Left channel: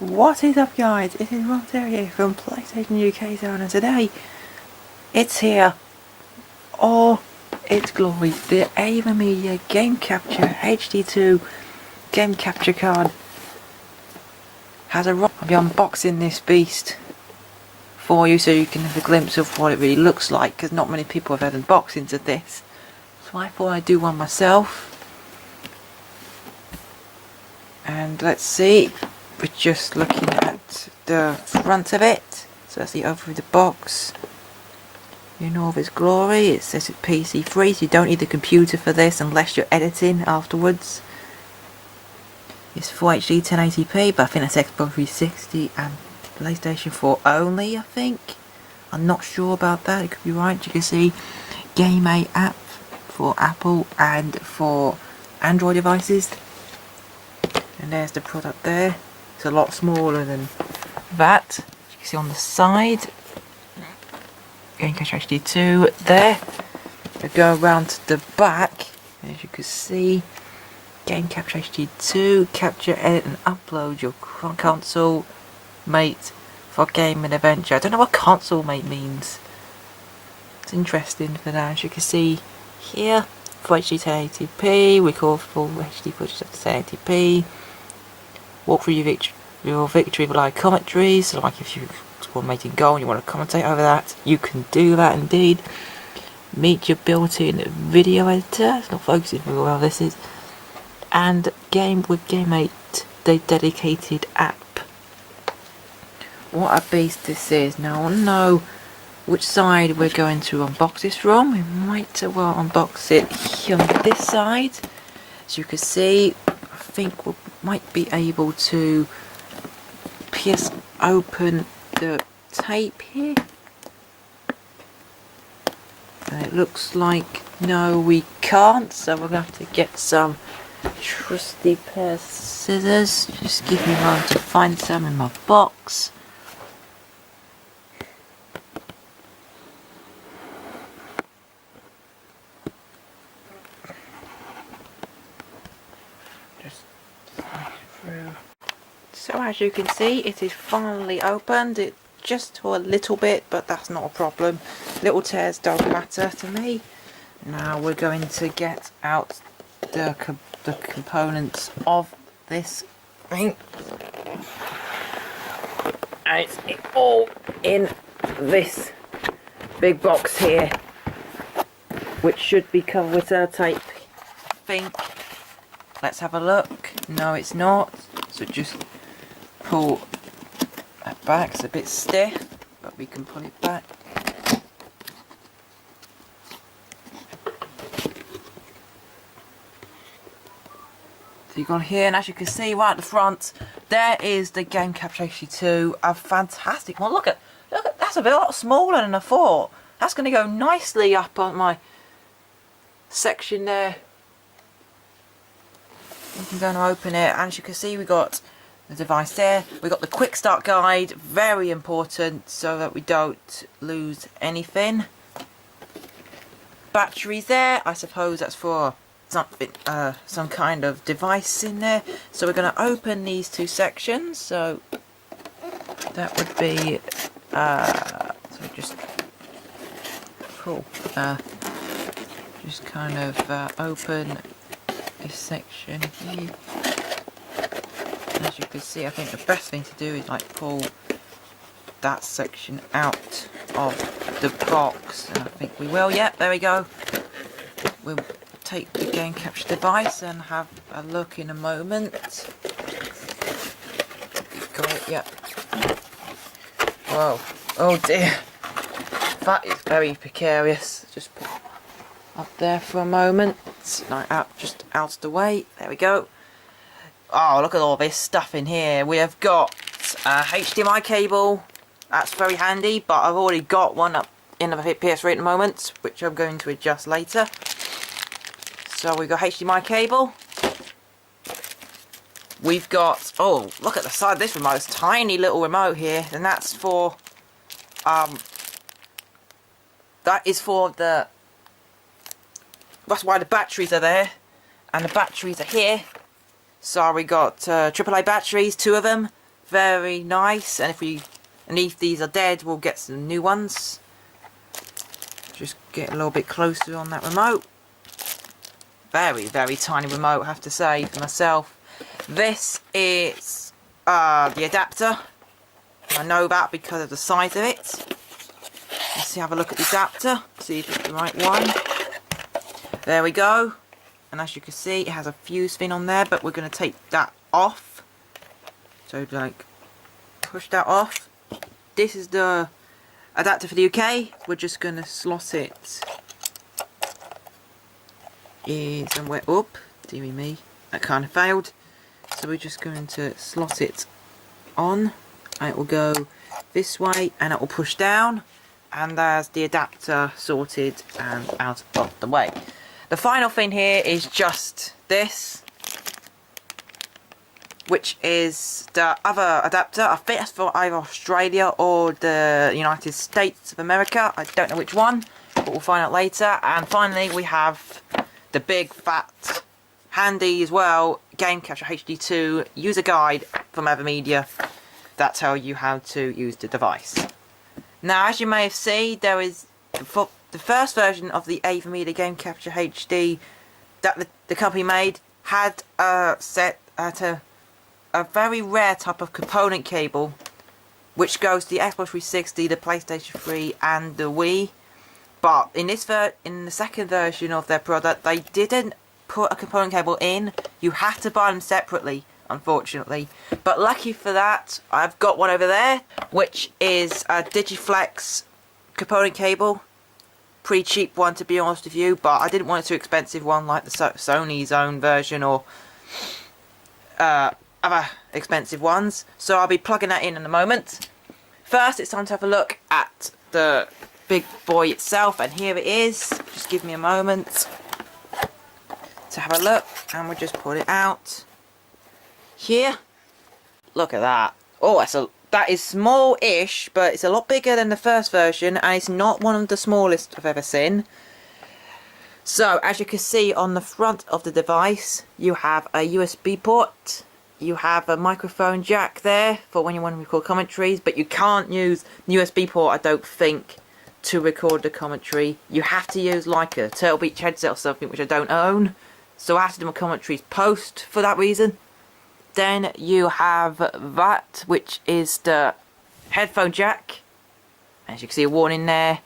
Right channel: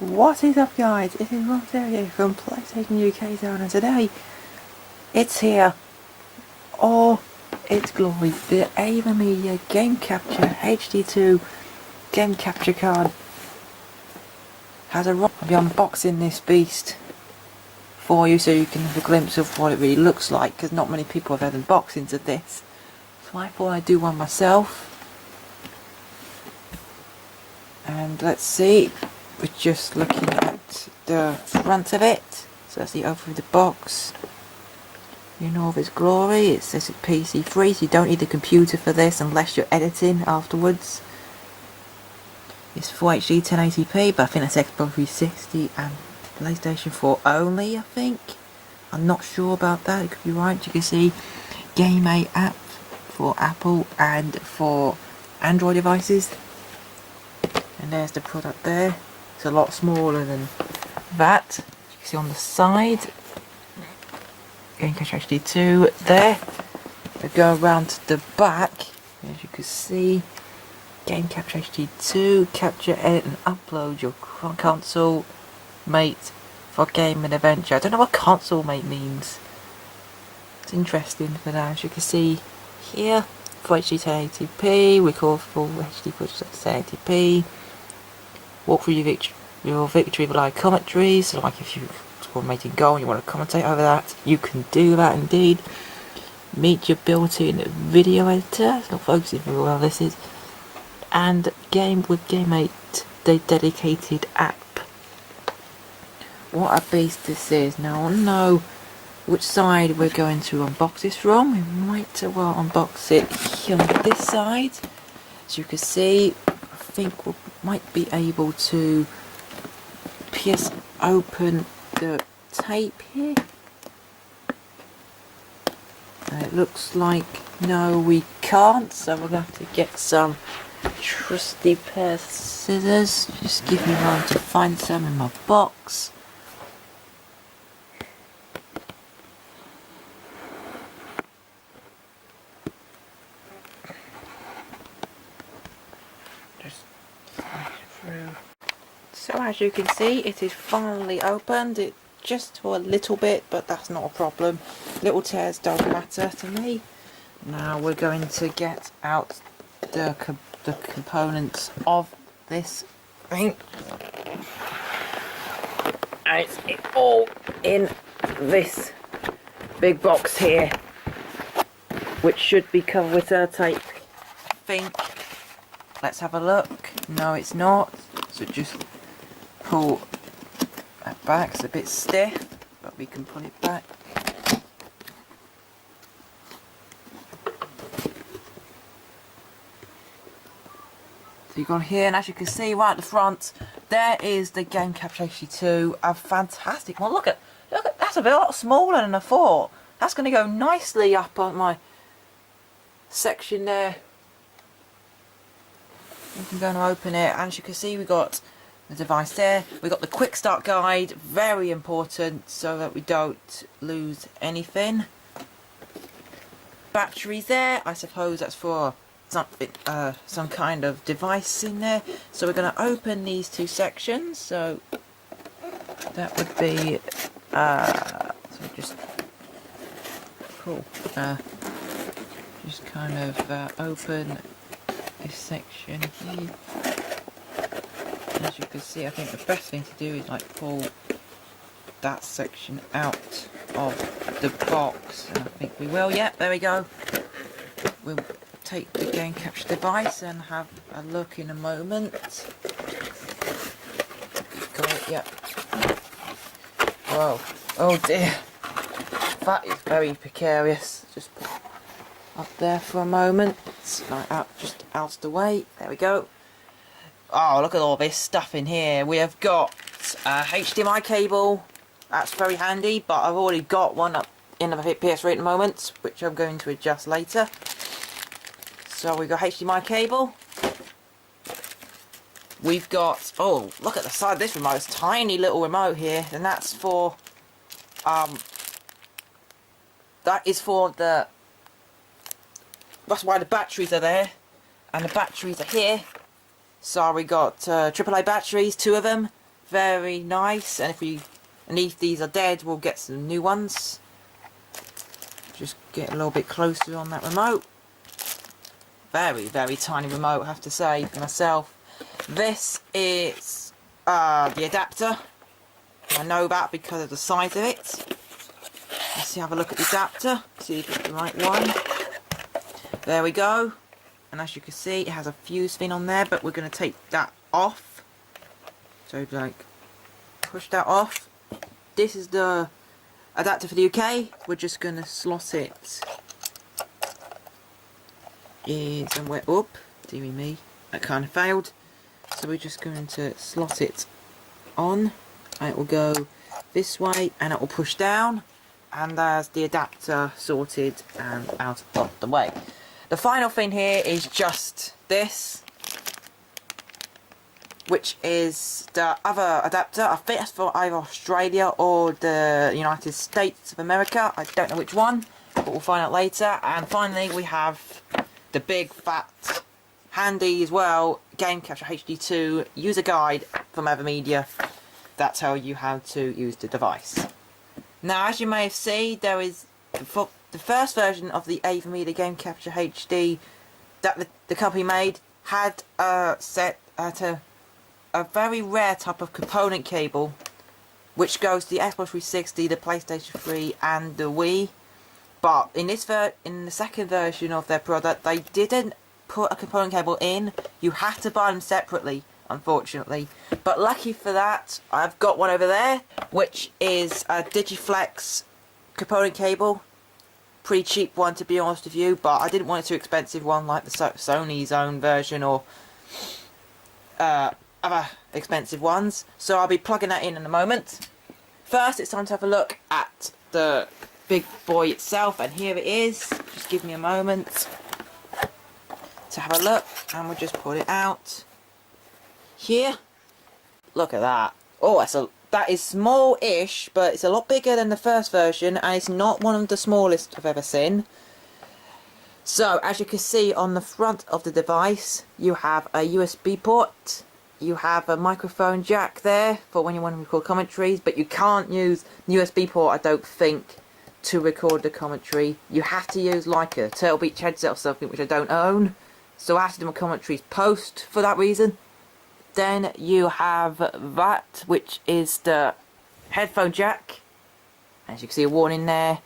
What is up, guys? It is Rob here from PlayStation UK Zone, and today it's here. Oh, its glory, the AverMedia Game Capture HD2 Game Capture card has arrived. I'll be unboxing this beast for you so you can have a glimpse of what it really looks like, because not many people have had unboxings of this. So I thought I'd do one myself. And let's see, we're just looking at the front of it. So that's the over the box. In all of its glory. It says it's PC3, so you don't need a computer for this unless you're editing afterwards. It's Full HD 1080p, but I think that's Xbox 360 and PlayStation 4 only, I think. I'm not sure about that, it could be right. You can see Game A app for Apple and for Android devices. And there's the product there. It's a lot smaller than that. As you can see on the side. Game Capture HD2 there. We go around to the back. As you can see, Game Capture HD2, capture, edit and upload your console mate for game and adventure. I don't know what console mate means. It's interesting for that. As you can see here, Full HD 1080p, record full HD footage at 1080p. Walk through your victory with live commentary, so like if you scored a mating goal and you want to commentate over that, you can do that indeed. Meet your built-in video editor, it's not focusing very well this is. And game with GameMate, the dedicated app. What a beast this is. Now I know which side we're going to unbox this from. We might well unbox it here on this side. As you can see, I think we might be able to pierce open the tape here. And it looks like no, we can't, so we're going to have to get some trusty pair of scissors. Just give me a moment to find some in my box. So as you can see, it is finally opened. It just tore a little bit, but that's not a problem. Little tears don't matter to me. Now we're going to get out the components of this thing. And it's all in this big box here, which should be covered with tape, I think. Let's have a look. No, it's not. So just pull that back. It's a bit stiff, but we can pull it back. So you've gone here, and as you can see right at the front, there is the Game Capture HD2. A fantastic one. Look at that's a lot smaller than I thought. That's going to go nicely up on my section there. I'm going to open it, and as you can see, we got the device there. We got the quick start guide, very important, so that we don't lose anything. Batteries there. I suppose that's for something, some kind of device in there. So we're going to open these two sections. So that would be so just cool. Just kind of open this section here. As you can see, I think the best thing to do is like pull that section out of the box, and I think we will. Yep, there we go. We'll take the Game Capture device and have a look in a moment. Got it, yep. Whoa, oh dear, that is very precarious. Just put up there for a moment, like out, just out of the way. There we go. Oh, look at all this stuff in here. We have got a HDMI cable. That's very handy, but I've already got one up in the PS3 at the moment, which I'm going to adjust later. So we've got HDMI cable. We've got, oh, look at the side of this remote. It's a tiny little remote here, and that's for, that is for the, that's why the batteries are there, and the batteries are here. So we got AAA batteries, 2 of them, very nice. And if these are dead, we'll get some new ones. Just get a little bit closer on that remote. Very, very tiny remote, I have to say, for myself. This is the adapter. I know that because of the size of it. Let's see, have a look at the adapter, see if it's the right one. There we go. And as you can see, it has a fuse thing on there, but we're going to take that off. So, like, push that off. This is the adapter for the UK. We're just going to slot it in somewhere up. Dearie me, that kind of failed. So we're just going to slot it on, and it will go this way, and it will push down, and there's the adapter sorted and out of the way. The final thing here is just this, which is the other adapter. I think it's for either Australia or the United States of America. I don't know which one, but we'll find out later. And finally, we have the big, fat, handy as well Game Capture HD2 user guide from AverMedia that tells you how to use the device. Now, as you may have seen, there is the first version of the AverMedia Game Capture HD that the company made had a very rare type of component cable which goes to the Xbox 360, the PlayStation 3 and the Wii. But in the second version of their product, they didn't put a component cable in. You have to buy them separately, unfortunately. But lucky for that, I've got one over there, which is a Digiflex component cable. Pretty cheap one, to be honest with you, but I didn't want a too expensive one like the Sony's own version or other expensive ones. So I'll be plugging that in a moment. First, it's time to have a look at the big boy itself, and here it is. Just give me a moment to have a look, and we'll just pull it out here. Look at that. Oh, that is small-ish, but it's a lot bigger than the first version, and it's not one of the smallest I've ever seen. So, as you can see on the front of the device, you have a USB port, you have a microphone jack there for when you want to record commentaries, but you can't use the USB port, I don't think, to record the commentary. You have to use like a Turtle Beach headset or something, which I don't own, so I have to do my commentaries post for that reason. Then you have that, which is the headphone jack. As you can see, a warning there.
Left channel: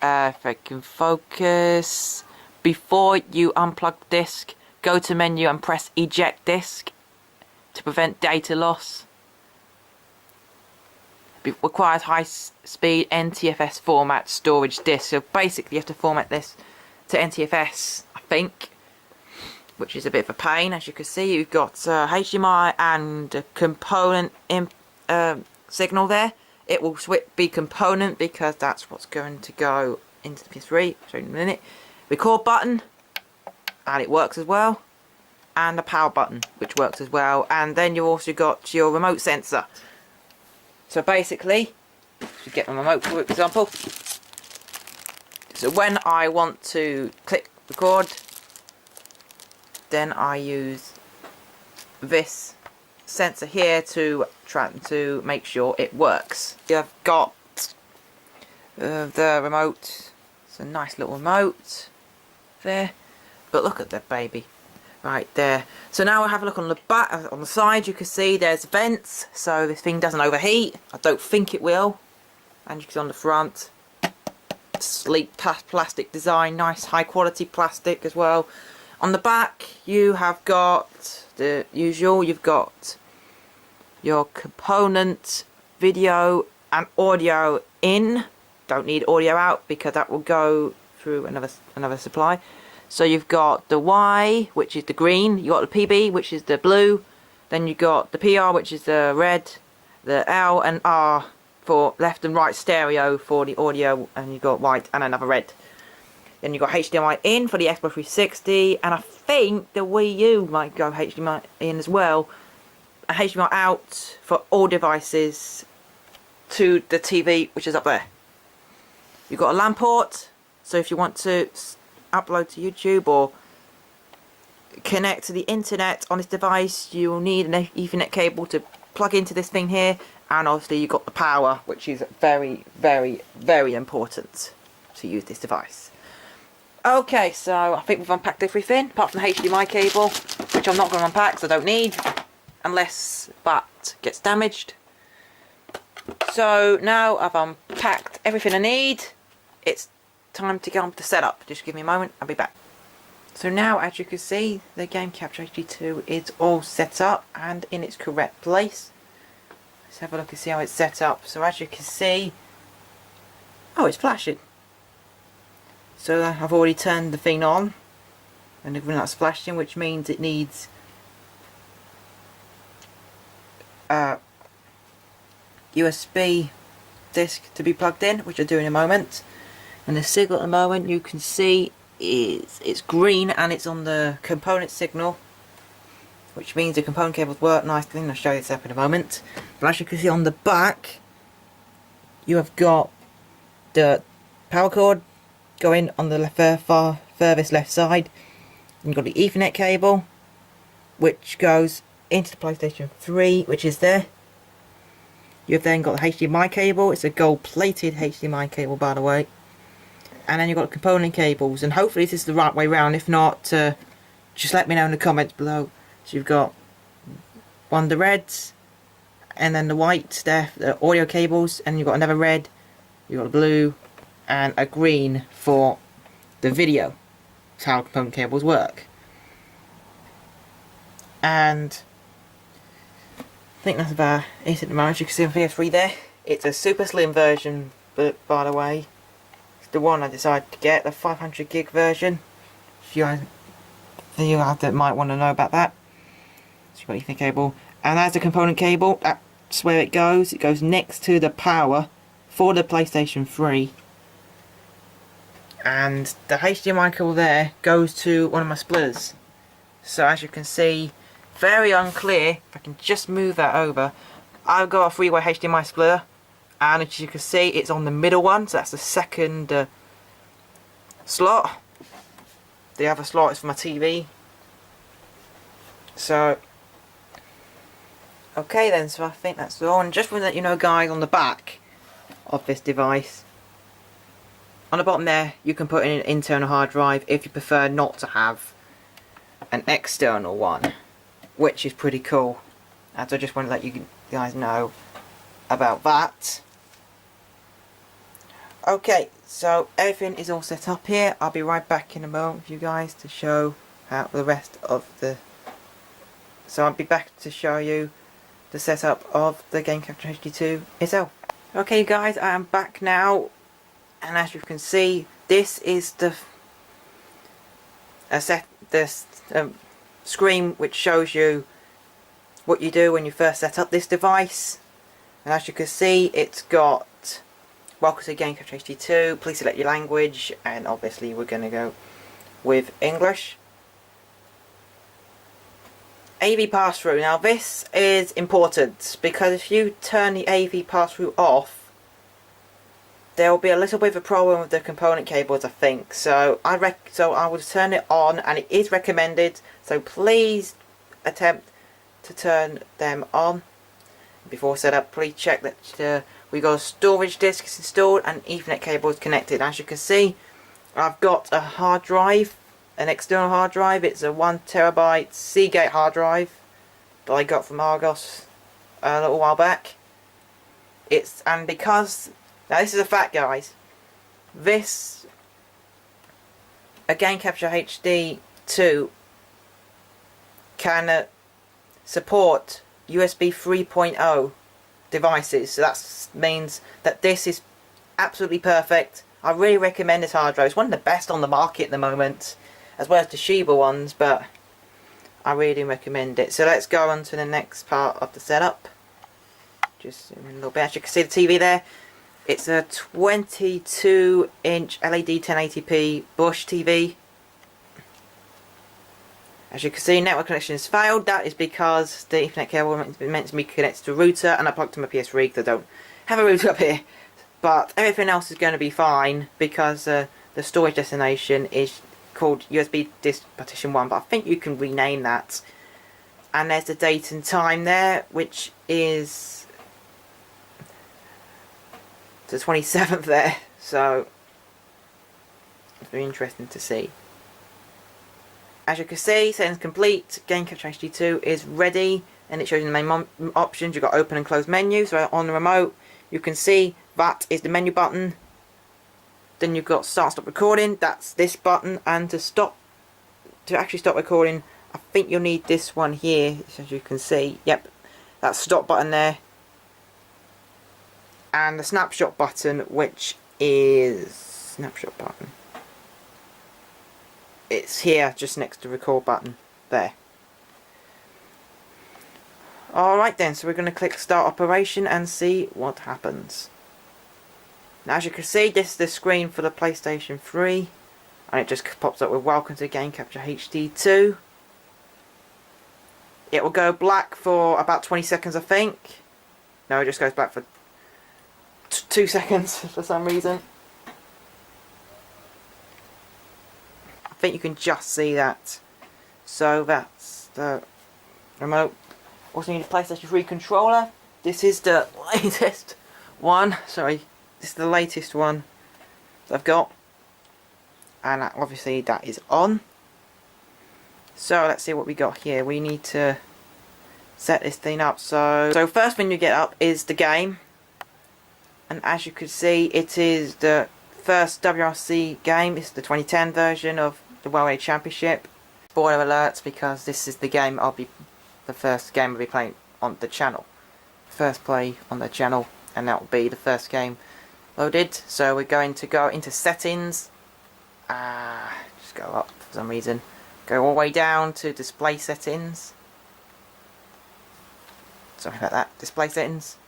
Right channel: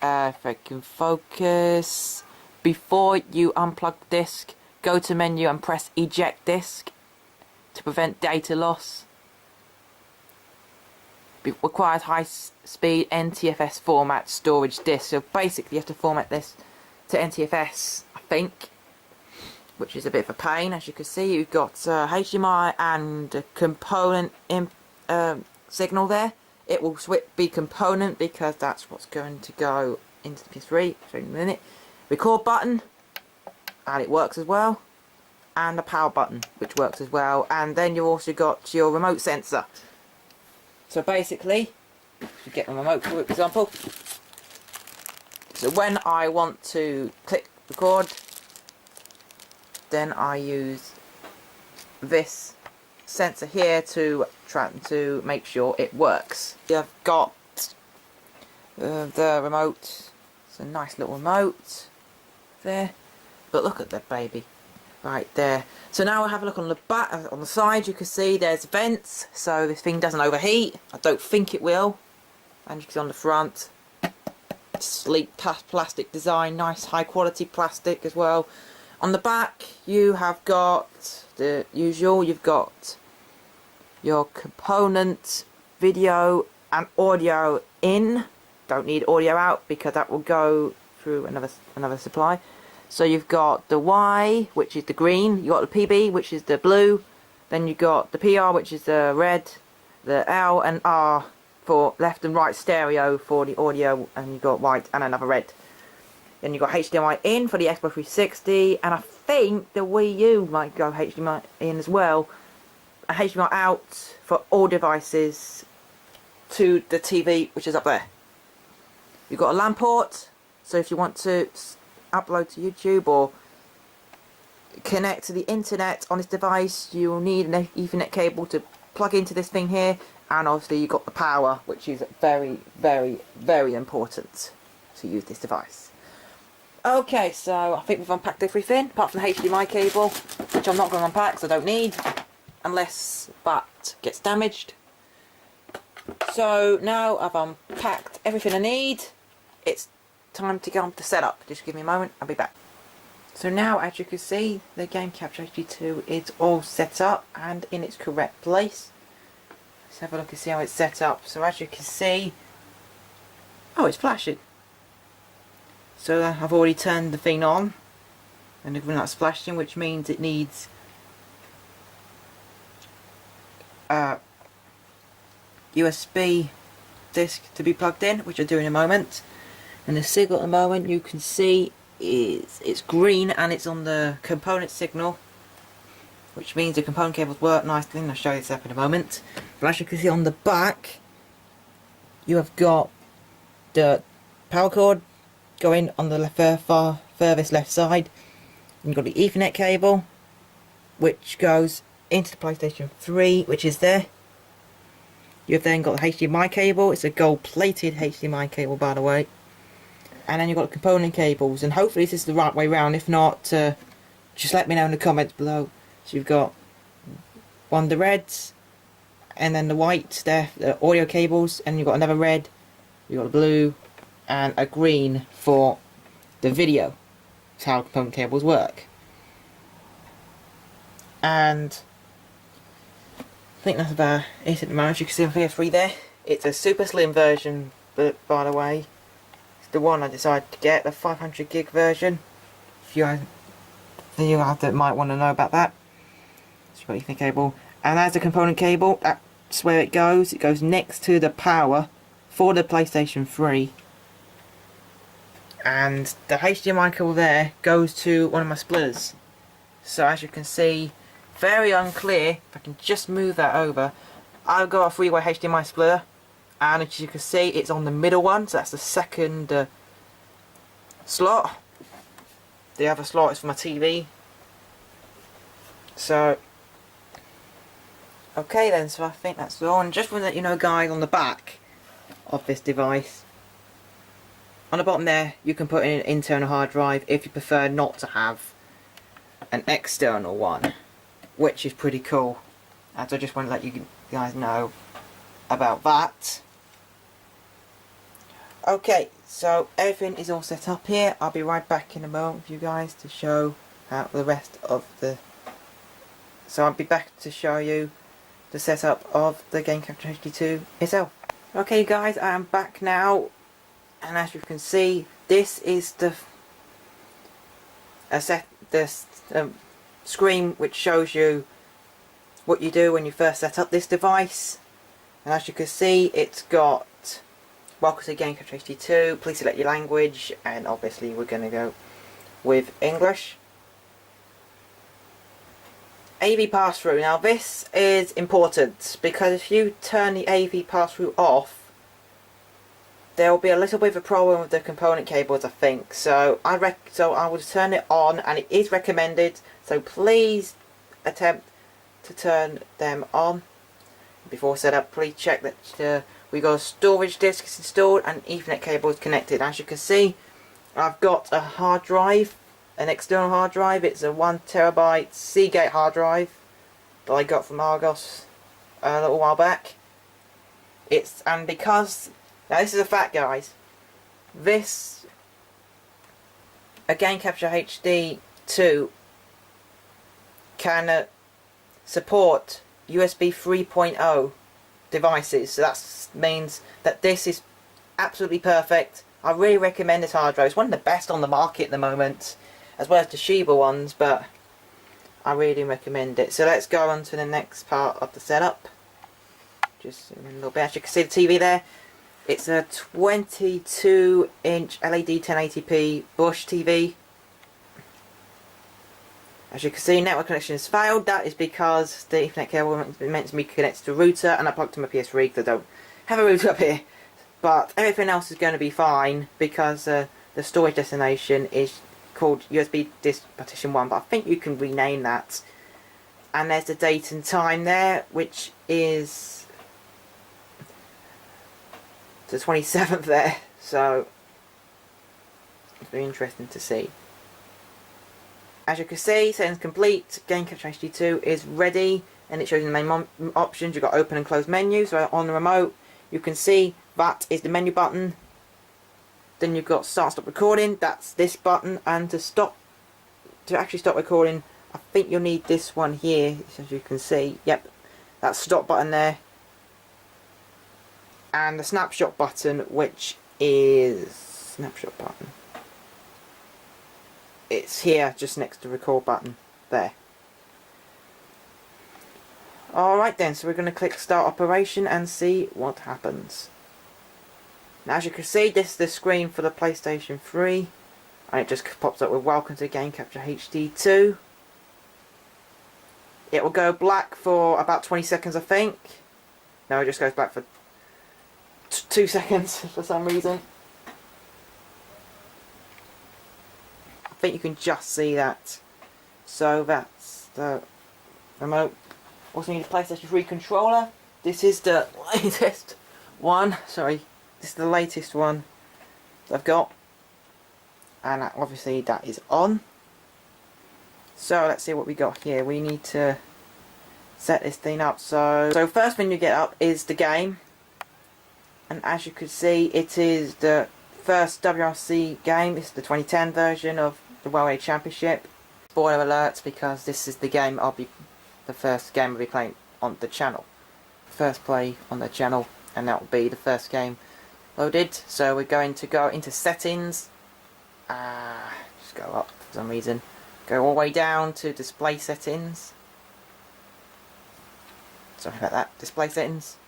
If I can focus. Before you unplug the disc, go to menu and press eject disc to prevent data loss. It requires high-speed NTFS format storage disc. So basically, you have to format this to NTFS, I think, which is a bit of a pain. As you can see, you've got HDMI and a component signal there. It will be component because that's what's going to go into the PS3. I'll show you in a minute. Record button, and it works as well. And a power button, which works as well. And then you've also got your remote sensor. So basically, if you get a remote, for example. So when I want to click record, then I use this sensor here to try to make sure it works. You've got the remote. It's a nice little remote there, but look at that baby right there. So now we'll have a look on the back, on the side. You can see there's vents, so this thing doesn't overheat. I don't think it will. And you can see on the front, sleek plastic design, nice high quality plastic as well. On the back, you have got the usual. You've got your component, video and audio in. Don't need audio out because that will go through another supply. So you've got the Y, which is the green. You got the PB, which is the blue. Then you got the PR, which is the red. The L and R for left and right stereo for the audio, and you've got white and another red. Then you've got HDMI in for the Xbox 360, and I think the Wii U might go HDMI in as well. And HDMI out for all devices to the TV, which is up there. You've got a LAN port, so if you want to upload to YouTube or connect to the internet on this device, you will need an Ethernet cable to plug into this thing here, and obviously you've got the power, which is very, very, very important to use this device. Okay, so I think we've unpacked everything, apart from the HDMI cable, which I'm not going to unpack, so I don't need, unless that gets damaged. So now I've unpacked everything I need, it's time to get on with the setup. Just give me a moment, I'll be back. So now, as you can see, the Game Capture HD2 is all set up and in its correct place. Let's have a look and see how it's set up. So as you can see, oh, it's flashing. So I've already turned the thing on, and everything that's flashing, which means it needs a USB disc to be plugged in, which I'll do in a moment. And the signal at the moment, you can see, it's green and it's on the component signal, which means the component cables work nicely, and I'll show you this up in a moment. But as you can see on the back, you have got the power cord going on the furthest left side. You've got the Ethernet cable, which goes into the PlayStation 3, which is there. You've then got the HDMI cable. It's a gold-plated HDMI cable, by the way. And then you've got component cables, and hopefully this is the right way round. If not, just let me know in the comments below. So you've got one of the reds, and then the white, the audio cables, and you've got another red, you've got a blue, and a green for the video. That's how component cables work. And I think that's about it at the moment. You can see on PS3 there. It's a super slim version, but by the way, the one I decided to get, the 500 gig version. If you guys that might want to know about that. So you've got Ethernet cable, and as a component cable, that's where it goes. It goes next to the power for the PlayStation 3, and the HDMI cable there goes to one of my splitters. So as you can see, very unclear. If I can just move that over, I've got a 3-way HDMI splitter. And as you can see, it's on the middle one, so that's the second slot. The other slot is for my TV. So, okay then, so I think that's all. And just to let you know, guys, on the back of this device, on the bottom there, you can put in an internal hard drive if you prefer not to have an external one, which is pretty cool. And so I just want to let you guys know about that. Okay, so everything is all set up here. I'll be right back in a moment with you guys to show how the rest of the... So I'll be back to show you the setup of the Game Capture HD2 itself. Okay guys, I am back now, and as you can see, this is the screen which shows you what you do when you first set up this device. And as you can see, it's got welcome to Game Capture HD2, please select your language, and obviously we're going to go with English. AV pass-through. Now this is important, because if you turn the AV pass-through off, there will be a little bit of a problem with the component cables, I think. So I would turn it on, and it is recommended, so please attempt to turn them on. Before setup, please check that we got a storage disk is installed and Ethernet cable is connected. As you can see, I've got a hard drive, an external hard drive. It's a 1TB Seagate hard drive that I got from Argos a little while back. And because now this is a fact, guys, this a Game Capture HD2 can support USB 3.0 devices, so that means that this is absolutely perfect. I really recommend this hard drive. It's one of the best on the market at the moment, as well as the Toshiba ones, but I really recommend it. So let's go on to the next part of the setup. Just zoom in a little bit. As you can see the TV there, it's a 22-inch LED 1080p Bush TV. As you can see, network connection has failed. That is because the Ethernet cable meant to be connected to a router, and I plugged to my PS3 because I don't have a router up here. But everything else is going to be fine, because the storage destination is called USB Disk Partition 1, but I think you can rename that. and there's the date and time there, which is the 27th there, so it's very interesting to see. As you can see, settings complete, Game Capture HD2 is ready, and it shows you the main options. You've got open and close menus. So on the remote, you can see that is the menu button. Then you've got start and stop recording, that's this button, and to actually stop recording, I think you'll need this one here, as you can see. Yep, that stop button there. And the snapshot button, which is snapshot button. It's here, just next to the record button, there. Alright then, so we're going to click start operation and see what happens. Now as you can see, this is the screen for the PlayStation 3. And it just pops up with welcome to Game Capture HD2. It will go black for about 20 seconds, I think. No, it just goes black for 2 seconds for some reason. I think you can just see that. So that's the remote. Also need a PlayStation 3 controller. This is the latest one. Sorry, this is the latest one that I've got. And obviously that is on. So let's see what we got here. We need to set this thing up. So first thing you get up is the game. And as you can see, it is the first WRC game. It's the 2010 version of the World Championship. Spoiler alerts, because this is the game the first game I'll be playing on the channel. First play on the channel, and that will be the first game loaded. So we're going to go into settings. Just go up for some reason. Go all the way down to display settings. Sorry about that. Display settings.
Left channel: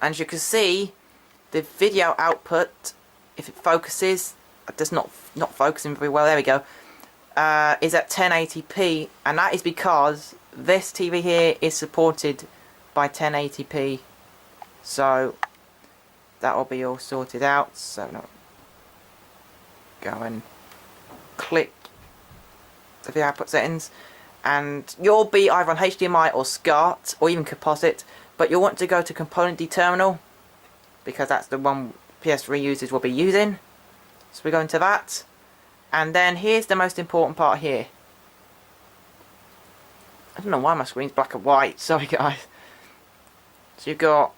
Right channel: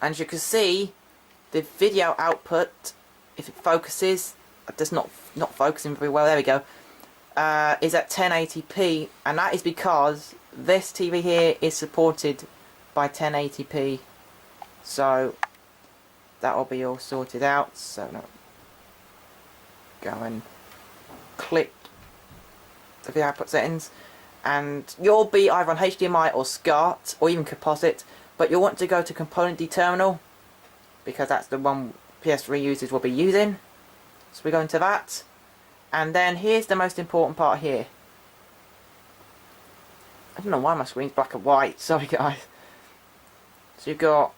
And as you can see, the video output, if it focuses, it does not focusing very well. There we go. Is at 1080p, and that is because this TV here is supported by 1080p. So that will be all sorted out. So no, go and click the video output settings, and you'll be either on HDMI or SCART or even composite, but you'll want to go to component terminal because that's the one PS3 users will be using. So we go into that, and then here's the most important part here. I don't know why my screen's black and white, sorry guys. So you've got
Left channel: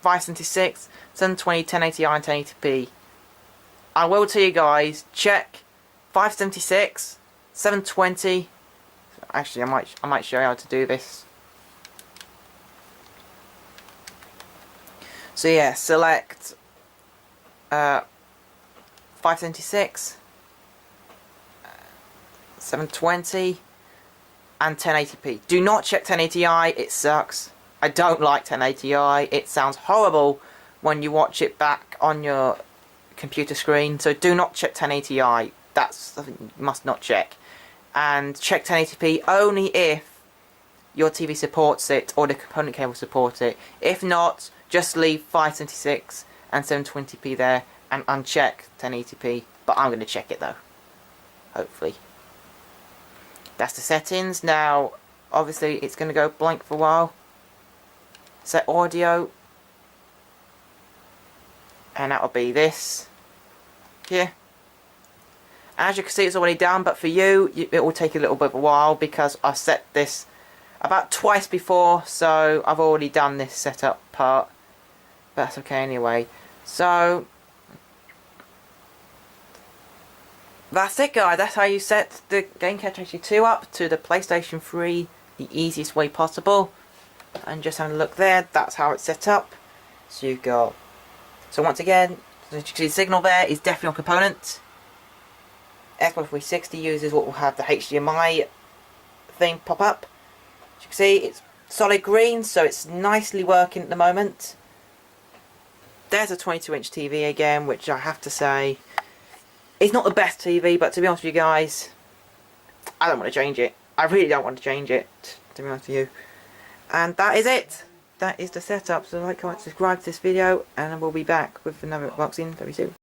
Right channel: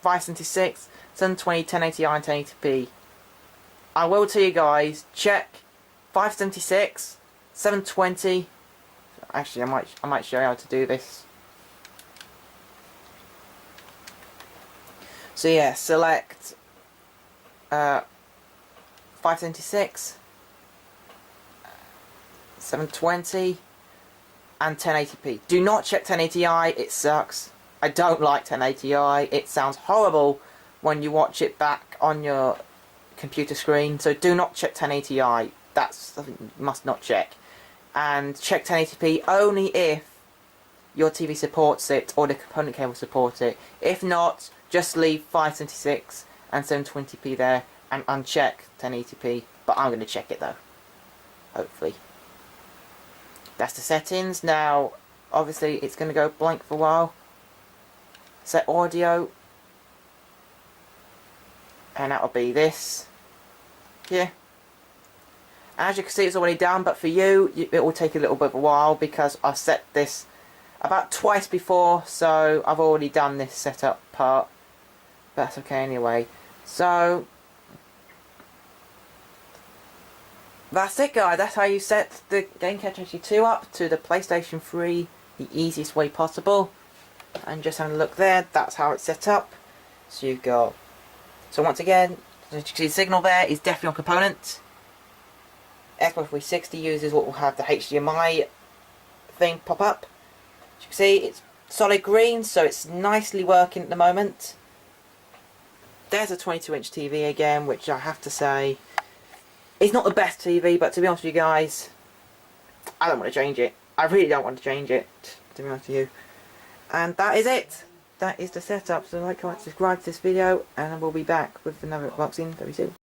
576, 720, 1080i and 1080p. I will tell you guys, check 576, 720. Actually, I might show you how to do this. So yeah, select 576, 720, and 1080p. Do not check 1080i. It sucks. I don't like 1080i. It sounds horrible when you watch it back on your computer screen. So do not check 1080i. That's something you must not check. And check 1080p only if your TV supports it or the component cable supports it. If not, just leave 576 and 720p there and uncheck 1080p. But I'm going to check it though. Hopefully. That's the settings. Now, obviously, it's going to go blank for a while. Set audio. And that will be this. Here. As you can see, it's already done, but for you, it will take a little bit of a while because I've set this about twice before, so I've already done this setup part. But that's okay anyway. So, that's it guys, that's how you set the Game Capture HD2 up to the PlayStation 3 the easiest way possible. And just having a look there, that's how it's set up. So you've got, so once again, as you can see the signal there is definitely on component. Xbox 360 users will have the HDMI thing pop up. As you can see, it's solid green, so it's nicely working at the moment. There's a 22-inch TV again, which I have to say, it's not the best TV, but to be honest with you guys, I don't want to change it. I really don't want to change it, to be honest with you. And that is it. That is the setup. So like, comment, subscribe to this video, and we'll be back with another unboxing very soon.